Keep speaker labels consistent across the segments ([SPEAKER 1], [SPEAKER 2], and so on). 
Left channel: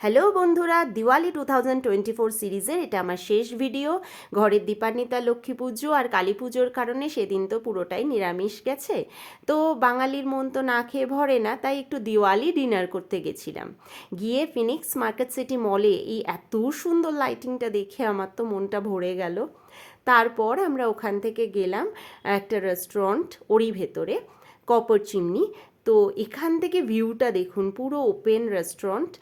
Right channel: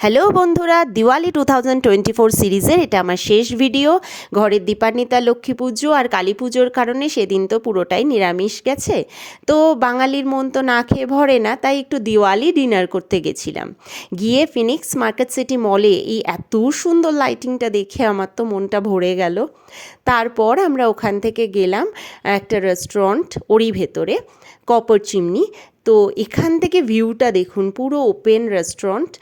[SPEAKER 1] Hello বন্ধুরা, Diwali two thousand twenty four সিরিজের এটা আমার শেষ ভিডিও। ঘরের দীপান্বিতা, লক্ষ্মী পুজো আর কালী পুজোর কারণে সেদিন তো পুরোটাই নিরামিষ গেছে। তো বাঙালির মন তো না খেয়ে ভরে না, তাই একটু দিওয়ালি ডিনার করতে গেছিলাম। গিয়ে ফিনিক্স মার্কেট সিটি মলে এই এত সুন্দর লাইটিংটা দেখে আমার তো মনটা ভরে গেল। তারপর আমরা ওখান থেকে গেলাম একটা রেস্টুরেন্ট, ওরই ভেতরে, কপার চিমনি। তো এখান থেকে ভিউটা দেখুন, পুরো ওপেন রেস্টুরেন্ট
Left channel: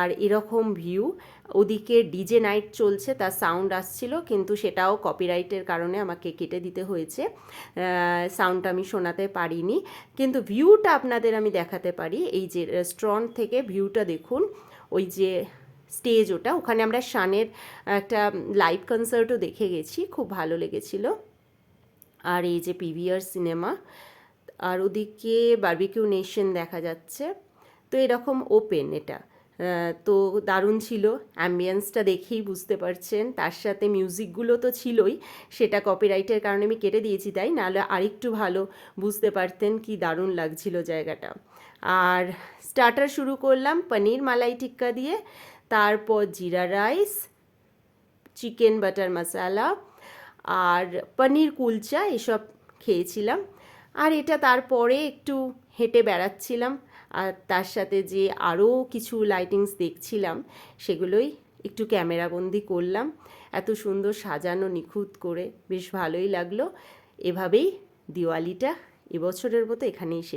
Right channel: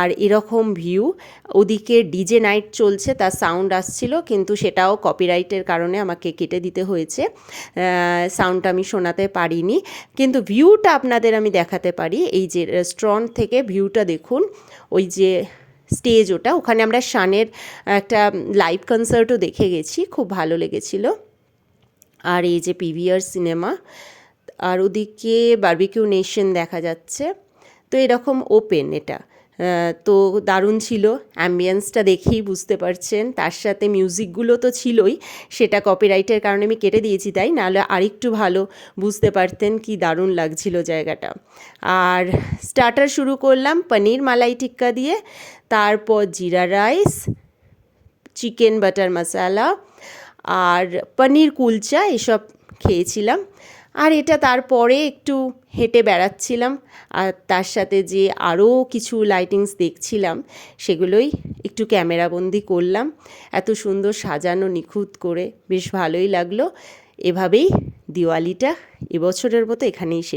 [SPEAKER 1] আর এরকম ভিউ ওদিকে ডিজে নাইট চলছে, তার সাউন্ড আসছিল, কিন্তু সেটাও কপিরাইটের কারণে আমাকে কেটে দিতে হয়েছে। সাউন্ডটা আমি শোনাতে পারিনি। কিন্তু ভিউটা আপনাদের আমি দেখাতে পারি। এই যে রেস্টুরেন্ট থেকে ভিউটা দেখুন, ওই যে স্টেজ ওটা। ওখানে আমরা শানের একটা লাইভ কনসার্টও দেখে গেছি, খুব ভালো লেগেছিল। আর এই যে পিভিআর সিনেমা আর ওদিকে বার্বিকিউ নেশন দেখা যাচ্ছে। তো এরকম ওপেন এটা। তো দারুণ ছিল। অ্যাম্বিয়েন্সটা দেখেই বুঝতে পারছেন। তার সাথে মিউজিকগুলো তো ছিলই। সেটা কপিরাইটের কারণে আমি কেটে দিয়েছি তাই। নাহলে আরেকটু ভালো বুঝতে পারতেন কি দারুণ লাগছিল জায়গাটা। আর স্টার্টার শুরু করলাম পনির মালাই টিক্কা দিয়ে। তারপর jeera rice chicken butter masala আর পনির কুলচা এসব খেয়েছিলাম। আর এটা তারপরে একটু হেঁটে বেড়াচ্ছিলাম। আর তার সাথে যে আরও কিছু লাইটিংস দেখছিলাম, সেগুলোই একটু ক্যামেরাবন্দি করলাম। এত সুন্দর সাজানো নিখুঁত করে বেশ ভালোই লাগল। এভাবেই দিওয়ালিটা এবছরের মতো এখানেই শেষ।